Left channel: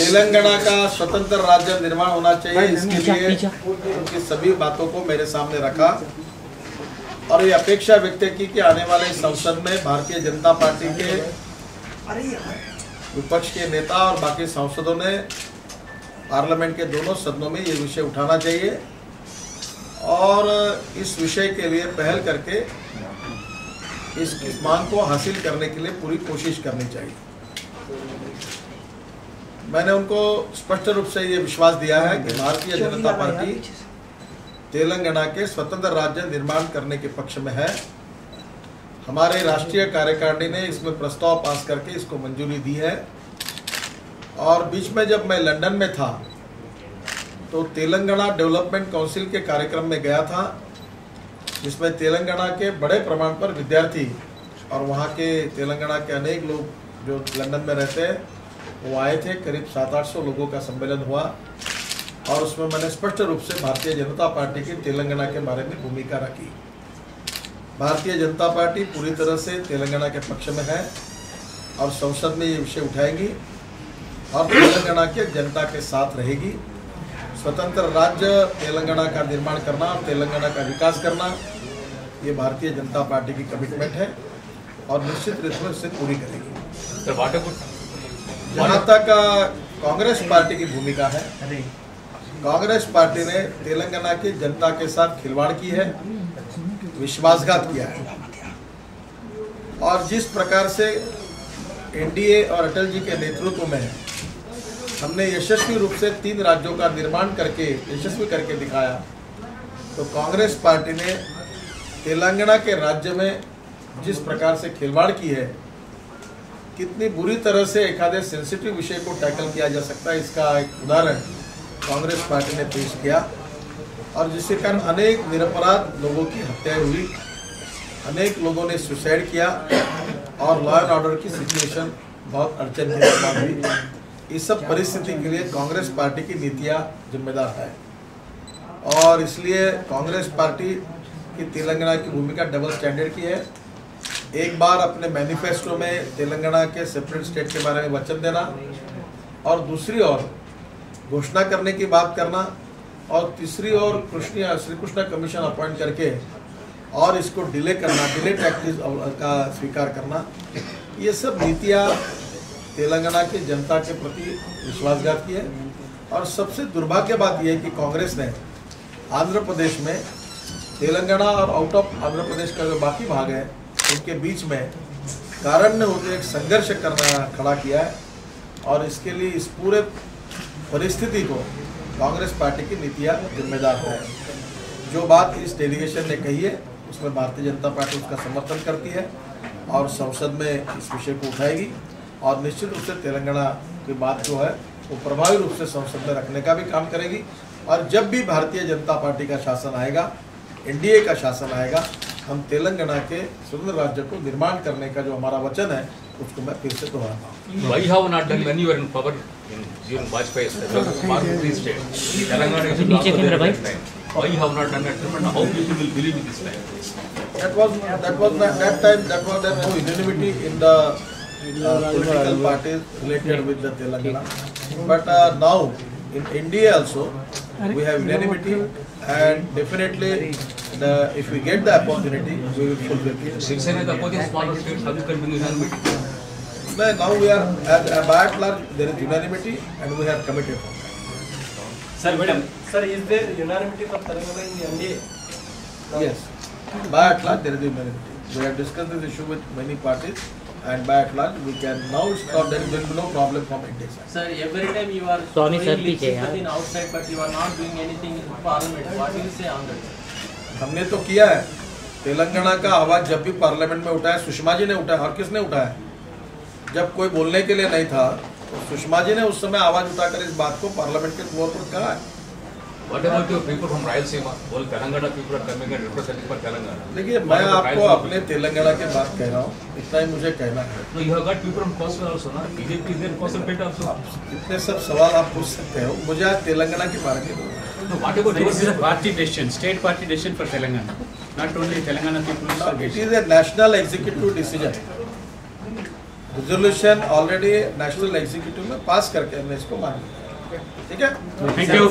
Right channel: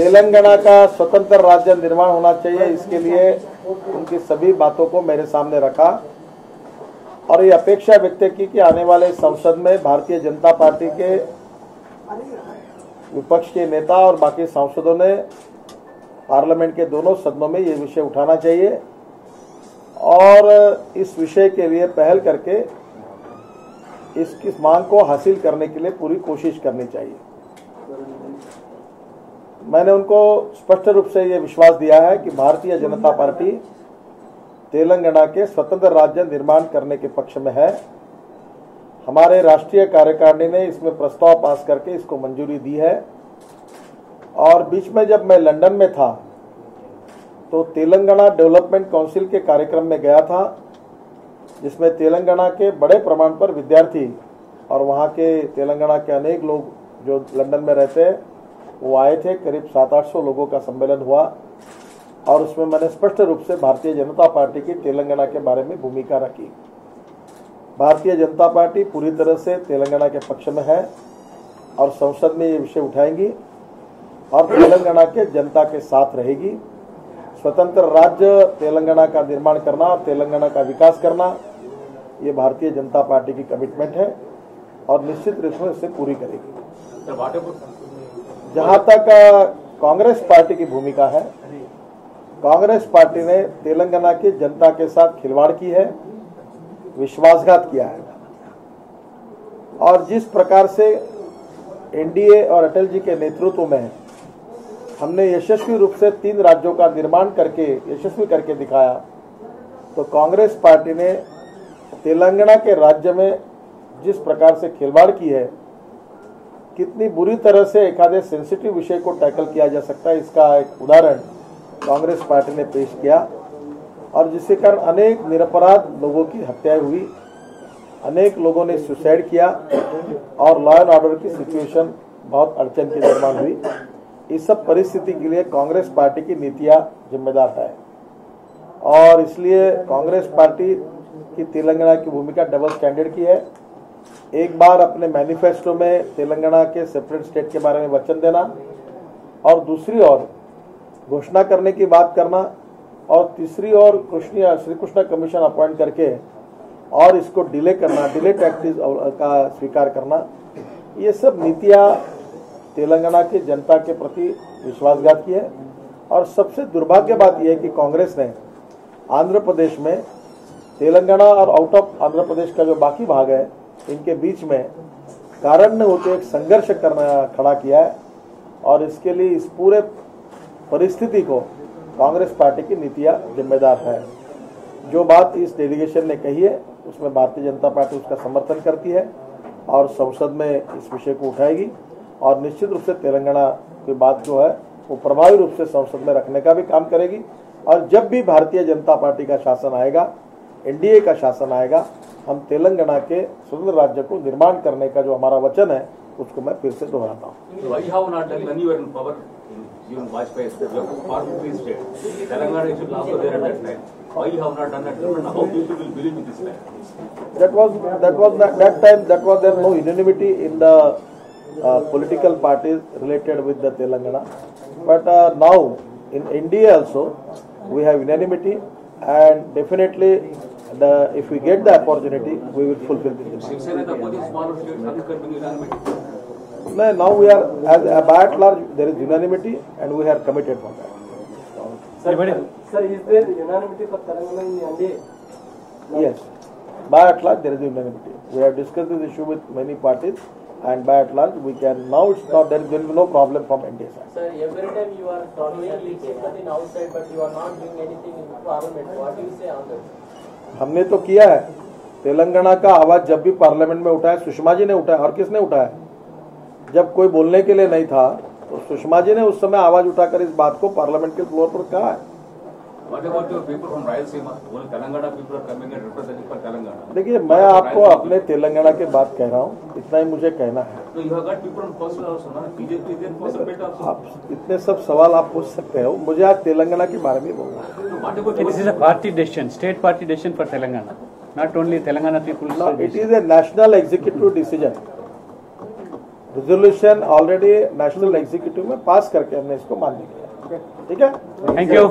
तेलंगाना का स्वतंत्र राज्य निर्माण होना चाहिए, इसके लिए उनकी सभी बातों को मेरे सामने रखा और ये अपेक्षा व्यक्त की कि आने वाले संसद में भारतीय जनता पार्टी के विपक्ष के नेता और बाकी सांसदों ने पार्लियामेंट के दोनों सदनों में ये विषय उठाना चाहिए और इस विषय के लिए पहल करके इसकी मांग को हासिल करने के लिए पूरी कोशिश करनी चाहिए। मैंने उनको स्पष्ट रूप से ये विश्वास दिया है कि भारतीय जनता पार्टी तेलंगाना के स्वतंत्र राज्य निर्माण करने के पक्ष में है। हमारे राष्ट्रीय कार्यकारिणी ने इसमें प्रस्ताव पास करके इसको मंजूरी दी है और बीच में जब मैं लंदन में था तो तेलंगाना डेवलपमेंट काउंसिल के कार्यक्रम में गया था, जिसमें तेलंगाना के बड़े प्रमाण पर विद्यार्थी और वहाँ के तेलंगाना के अनेक लोग जो लंदन में रहते हैं वो आए थे। करीब 700-800 लोगों का सम्मेलन हुआ और उसमें मैंने स्पष्ट रूप से भारतीय जनता पार्टी की तेलंगाना के बारे में भूमिका रखी। भारतीय जनता पार्टी पूरी तरह से तेलंगाना के पक्ष में है और संसद में ये विषय उठाएगी और तेलंगाना के जनता के साथ रहेगी। स्वतंत्र राज्य तेलंगाना का निर्माण करना और तेलंगाना का विकास करना ये भारतीय जनता पार्टी की कमिटमेंट है और निश्चित रूप से इसे पूरी करेगी। जहाँ तक कांग्रेस पार्टी की भूमिका है, कांग्रेस पार्टी ने तेलंगाना की जनता के साथ खिलवाड़ की है, विश्वासघात किया है और जिस प्रकार से एनडीए और अटल जी के नेतृत्व में हमने यशस्वी रूप से 3 राज्यों का निर्माण करके यशस्वी करके दिखाया, तो कांग्रेस पार्टी ने तेलंगाना के राज्य में जिस प्रकार से खिलवाड़ की है, कितनी बुरी तरह से एखादे सेंसिटिव विषय को टैकल किया जा सकता है, इसका एक उदाहरण कांग्रेस पार्टी ने पेश किया और जिसके कारण अनेक निरपराध लोगों की हत्याएं हुई, अनेक लोगों ने सुसाइड किया और लॉ एंड ऑर्डर की सिचुएशन बहुत अड़चन की निर्माण हुई। इस सब परिस्थिति के लिए कांग्रेस पार्टी की नीतियां जिम्मेदार है और इसलिए कांग्रेस पार्टी की तेलंगाना की भूमिका डबल स्टैंडर्ड की है। एक बार अपने मैनिफेस्टो में तेलंगाना के सेपरेट स्टेट के बारे में वचन देना और दूसरी ओर घोषणा करने की बात करना और तीसरी ओर श्री कृष्णा कमीशन अपॉइंट करके और इसको डिले करना, डिले टैक्टिस का स्वीकार करना, ये सब नीतियाँ तेलंगाना की जनता के प्रति विश्वासघात की है। और सबसे दुर्भाग्य बात यह है कि कांग्रेस ने आंध्र प्रदेश में तेलंगाना और आउट ऑफ आंध्र प्रदेश का जो बाकी भाग है उनके बीच में कारण होते एक संघर्ष करना खड़ा किया है और इसके लिए इस पूरे परिस्थिति को कांग्रेस पार्टी की नीतियाँ जिम्मेदार है। जो बात इस डेलीगेशन ने कही है उसमें भारतीय जनता पार्टी उसका समर्थन करती है और संसद में इस विषय को उठाएगी और निश्चित रूप से तेलंगाना की बात जो है वो प्रभावी रूप से संसद में रखने का भी काम करेगी। और जब भी भारतीय जनता पार्टी का शासन आएगा, एनडीए का शासन आएगा, हम तेलंगाना के स्वतंत्र राज्य को निर्माण करने का जो हमारा वचन है उसको मैं फिर से दोहराता हूँ। Why you have not done it? And how people will believe in this time? That was there no unanimity in the political parties related with the Telangana. But now in India also we have unanimity and definitely if we get the opportunity we will fulfill it. Now we are as by and large there is unanimity and we are committed for that. Sir, madam. Sir, is there unanimity for Telangana in NDA? No. Yes. By and large, there is unanimity. We have discussed this issue with many parties, and by and large, we can now stop. There will be no problem from NDA side. Sir, every time you are showing in outside, but you are not doing anything in Parliament. What do you say on that? हमने तो किया है। तेलंगाना का आवाज जब भी parliament में उठाया, सुषमा जी ने उठाया और किसने उठाया? जब कोई बोलने के लिए नहीं था तो सुषमा जी ने उस समय आवाज उठाकर इस बात को पार्लियामेंट के फ्लोर पर कहा है। What about the people from Rayalaseema? All Telangana people are coming and representing for Telangana. देखिए मैं आपको अपने तेलंगाना के बात कह रहा हूँ, इतना ही मुझे कहना है। No, you have got people from Coastal also, ना? BJP is there Coastal belt also. इतने सब सवाल आप पूछ सकते हो, मुझे आज तेलंगाना की बारे में बोलना है। So what about this is a party decision, state party decision for Telangana, not only Telangana people. No, it is a national executive decision. Resolution already national executive में पास करके हमने इसको मान लिया है। ठीक है। Thank you.